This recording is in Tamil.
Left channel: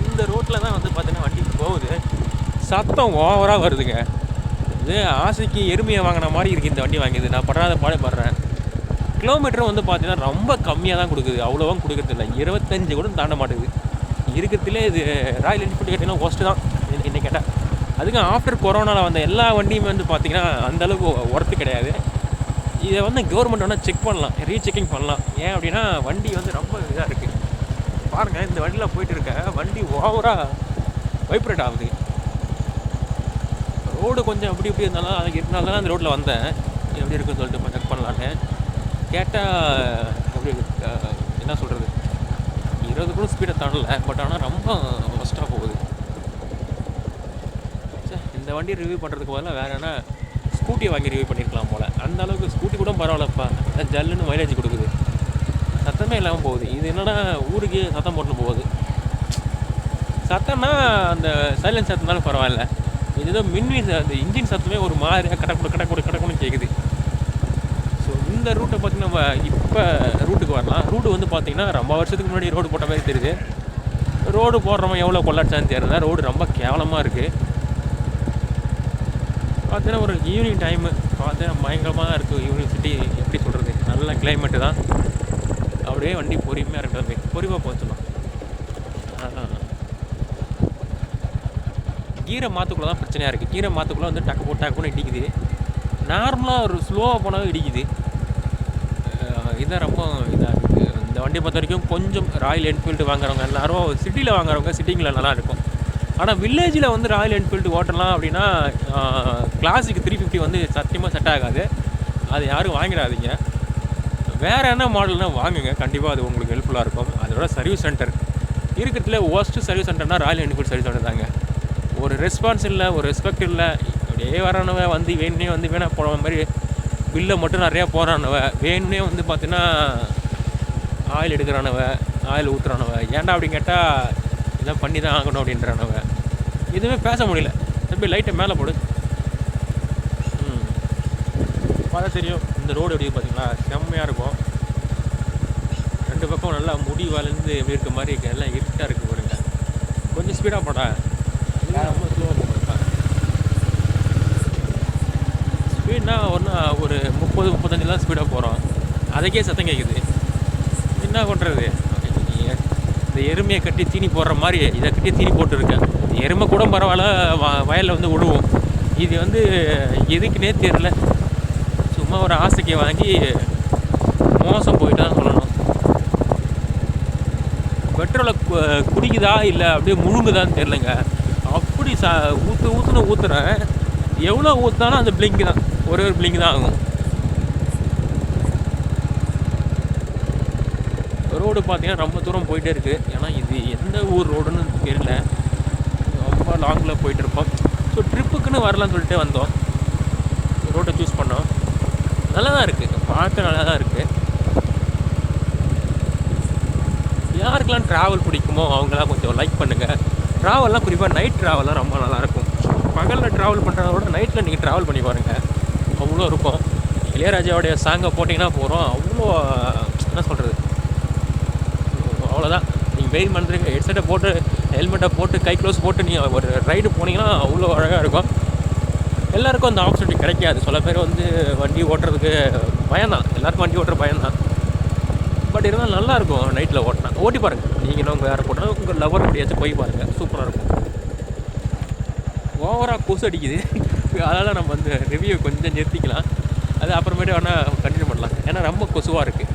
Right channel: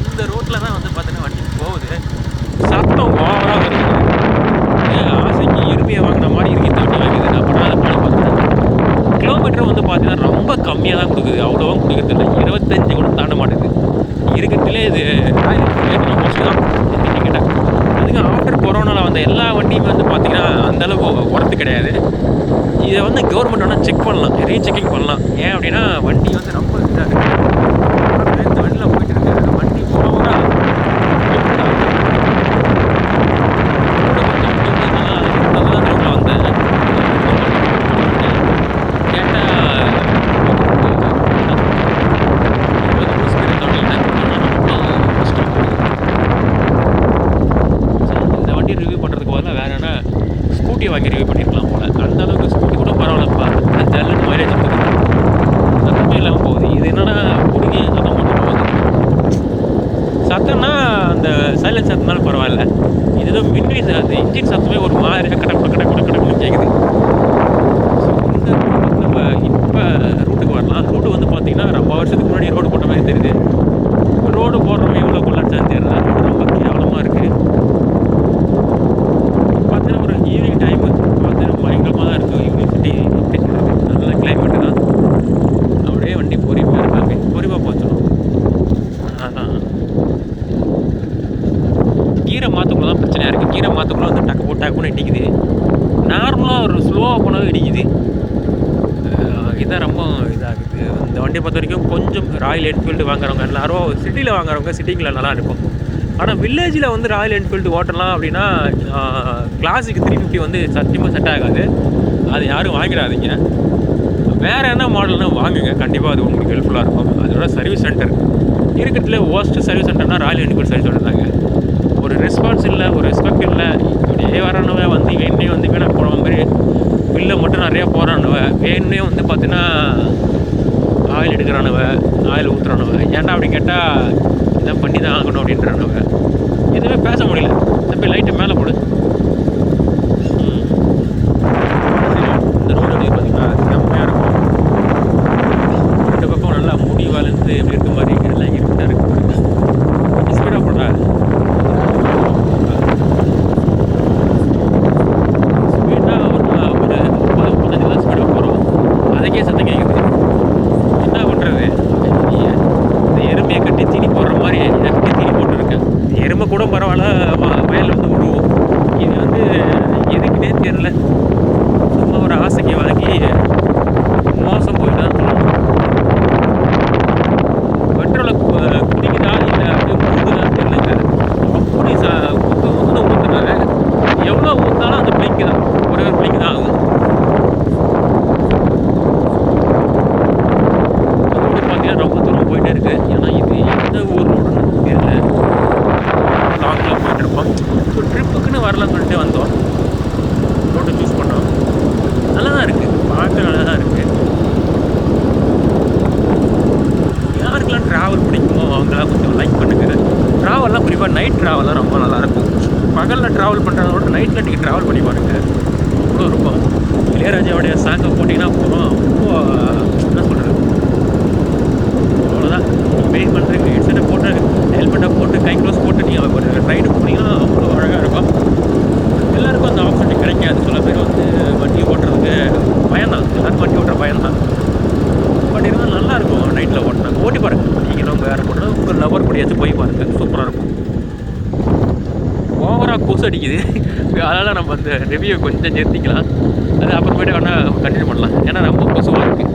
இந்த ரோட்டில் தான் வந்து பார்த்தீங்கன்னா வண்டி போகுது. சத்தம் ஓவராக வருதுங்க. ஆசைக்கு எருமையை வாங்கின மாதிரி இருக்குது இந்த வண்டி வாங்கிது. நான் படாத பாடு பண்ணுறேன். கிலோமீட்டரும் வந்து பார்த்தீங்கன்னா ரொம்ப கம்மியாக தான் கொடுக்குது. அவ்வளோவா கொடுக்குறது இல்லை. 25 கூட தாண்ட மாட்டேங்குது. இருக்கிறதுலே இது ராயல் மோஸ்ட்லி தான் கேட்டேன். அதுக்கு ஆஃப்டர் கொரோனாவில் வந்த எல்லா வண்டியுமே வந்து பார்த்தீங்கன்னா அந்தளவுக்கு ஒர்த்து கிடையாது. இதை வந்து கவர்மெண்ட் வேணால் செக் பண்ணலாம், ரீசெக்கிங் பண்ணலாம். ஏன் அப்படின்னா வண்டி வந்து ரொம்ப இதாக இருக்குது. பாருங்கள், இந்த வண்டியில் போயிட்டு இருக்க வண்டி ஓவராக வைப்ரேட் ஆகுது. ரோடு கொஞ்சம் அப்படி இருந்ததுனால அது இருந்தால் தான் அந்த ரோட்டில் வந்தேன் பண்ணலான்னு கேட்டால் என்ன சொல்கிறேன் 20 ரூபா ஸ்பீடை தாண்டி லேண்ட் பண்ணோன்னா ரொம்ப கஷ்டம். இந்த வண்டி ரிவ்யூ பண்ணுறதுக்கு பதிலாக வேறு என்ன ஸ்கூட்டியை வாங்கி ரிவ்யூ பண்ணியிருக்கலாம் போல். அந்த அளவுக்கு ஸ்கூட்டி கூட பரவாயில்லப்பா, ஜல்லுன்னு மைலேஜ் கொடுக்குது, சத்தமே இல்லாமல் போகுது. இது என்னென்னா கூடிக்கு சத்தம் மட்டும் போகுது. சத்தம்னா அந்த சைலன்ஸ் சத்தம்னாலும் பரவாயில்ல. இது ஏதோ அந்த இன்ஜின் சத்தமே ஒரு மாதிரியாக கடக்குன்னு கேட்குது. ஸோ இந்த ரூட்டை பார்த்து நம்ம இப்போ ரூட்டுக்கு வரலாம். ரூட்டு வந்து பார்த்திங்கன்னா ரொம்ப வருஷத்துக்கு முன்னாடி ரோடு போட்ட மாதிரி தெரியுது. ரோடு போடுறவங்க எவ்வளோ கொள்ளாச்சான்னு தெரியல. ரோடு ரொம்ப கேவலமாக இருக்குது. பார்த்தீங்கன்னா ஒரு ஈவினிங் டைமு பார்த்தீங்கன்னா பயங்கரமாக தான் இருக்குது. யூனிவர்சிட்டி எப்படி சொல்கிறது, நல்ல கிளைமேட்டு தான். அப்படியே வண்டி பொறிமையாக இருக்காங்க, பொறிவாக போச்சணும். அதான் கீரை மாற்றுக்குள்ள தான் பிரச்சனையாக இருக்குது. கீரை மாற்றுக்குள்ள வந்து டக்குன்னு இடிக்குது. நார்மலாக ஒரு ஸ்லோவாக போனாலும் இடிக்குது. இதான் ரொம்ப இதாகுது. இந்த வண்டியை பொறுத்த வரைக்கும் கொஞ்சம் ராயல் என்ஃபீல்டு வாங்குறவங்க எல்லோரும் சிட்டியில் வாங்குறவங்க சிட்டிங்கில் நல்லா இருக்கும். ஆனால் வில்லேஜில் வந்து ராயல் என்ஃபீல்டு ஓட்டலாம் அப்படின்னா கிளாசிக் 350 வந்து சத்தியமாக செட் ஆகாது. அது யாரும் வாங்கிடாதீங்க. வேறு என்ன மாடல்னால் வாங்குங்க, கண்டிப்பாக அது உங்களுக்கு ஹெல்ப்ஃபுல்லாக இருக்கும். அதோட சர்வீஸ் சென்டர் இருக்கிறதுல ஒர்ஸ்ட்டு சர்வீஸ் சென்டர்னால் ராயல் என்ஃபீல்டு சர்வீஸ் சென்டர் தாங்க. ஒரு ரெஸ்பான்ஸ் இல்லை, ஒரு ரெஸ்பெக்ட் இல்லை. இப்படியே வரானவ வந்து வேணுனே வந்து வேணாம் போன மாதிரி பில்லை மட்டும் நிறையா போகிறானுவ. வேணுனே வந்து பார்த்தீங்கன்னா ஆயில் எடுக்கிறானுவ, ஆயில் ஊற்றுறானுவ. ஏன்டா அப்படி கேட்டால் இதான் பண்ணி தான் ஆகணும் அப்படின்றானுவ. எதுவுமே பேச முடியல. தம்பி லைட்டை மேலே போடு. இந்த ரோடு எப்படி பார்த்தீங்கன்னா செம்மையாக இருக்கும். 2 பக்கம் நல்லா முடி வளர்ந்து எப்படி இருக்க மாதிரி எல்லாம் இருட்டாக இருக்கு பாருங்க. கொஞ்சம் ஸ்பீடாக போடா. ஸ்பீடாக ஒரு 30-35 தான் ஸ்பீடாக போகிறோம். அதுக்கே சத்தம் கேட்குது. என்ன பண்ணுறது? இந்த எருமையை கட்டி தீனி போடுற மாதிரி இதை கட்டி தீனி போட்டுருக்கேன். எருமை கூட பரவாயில்ல, வயலில் வந்து விடுவோம். இது வந்து எதுக்குன்னே தெரியல. சும்மா ஒரு ஆசைக்கு வாங்கி மோசம் போயிட்டான். பெட்ரோலை குடிக்குதா இல்லை அப்படியே முழுகுதான்னு தெரியலங்க. அப்படி ஊற்றுறேன். எவ்வளோ ஊற்றினாலும் அந்த பிளிங்கு தான், ஒரே ஒரு பிளிங்கு தான் ஆகும். ரோடு பார்த்தீங்கன்னா ரொம்ப தூரம் போயிட்டே இருக்குது. ஏன்னா இது எந்த ஊர் ரோடுன்னு தெரியல. லாங்கில் போயிட்டுருப்போம். ஸோ ட்ரிப்புக்குன்னு வரலான்னு சொல்லிட்டு வந்தோம். ரோட்டை சூஸ் பண்ணோம். நல்லா தான் இருக்குது, பார்க்க நல்லா தான் இருக்குது. யாருக்கெல்லாம் ட்ராவல் பிடிக்குமோ அவங்களாம் கொஞ்சம் லைக் பண்ணுங்கள். ட்ராவல்லாம் குறிப்பாக நைட் ட்ராவல்லாம் ரொம்ப நல்லாயிருக்கும். பகலில் ட்ராவல் பண்ணுறத விட நைட்டில் நீங்கள் ட்ராவல் பண்ணி பாருங்கள், அவ்வளோ இருக்கும். இளையராஜாவுடைய சாங்கை போட்டிங்கன்னா போதும், அவ்வளோ என்ன சொல்கிறது, அவ்வளோதான். நீங்கள் வெயிட் பண்ணுறீங்க, ஹெட்செட்டை போட்டு ஹெல்மெட்டை போட்டு கை க்ளோஸ் போட்டு நீங்கள் ஒரு ரைடு போனீங்கன்னா அவ்வளோ அழகாக இருக்கும். எல்லாேருக்கும் அந்த ஆப்ஷன் கிடைக்காது. சில பேர் வந்து வண்டி ஓட்டுறதுக்கு பயம்தான், எல்லாருக்கும் வண்டி ஓட்டுற பயம்தான். பட் இருந்தாலும் நல்லாயிருக்கும் நைட்டில் ஓட்டினாங்க. ஓட்டி பாருங்கள், நீங்களும் வேறு போட்டாலும் உங்கள் லவர் கூடியாச்சும் போய் பாருங்கள், சூப்பராக இருக்கும். ஓவராக கொசு அடிக்குது. அதனால் நம்ம அந்த ரிவ்யூ கொஞ்சம் நிறுத்திக்கலாம். அது அப்புறமேட்டு வேணால் கண்டினியூ பண்ணலாம். ஏன்னா ரொம்ப கொசுவாக இருக்குது.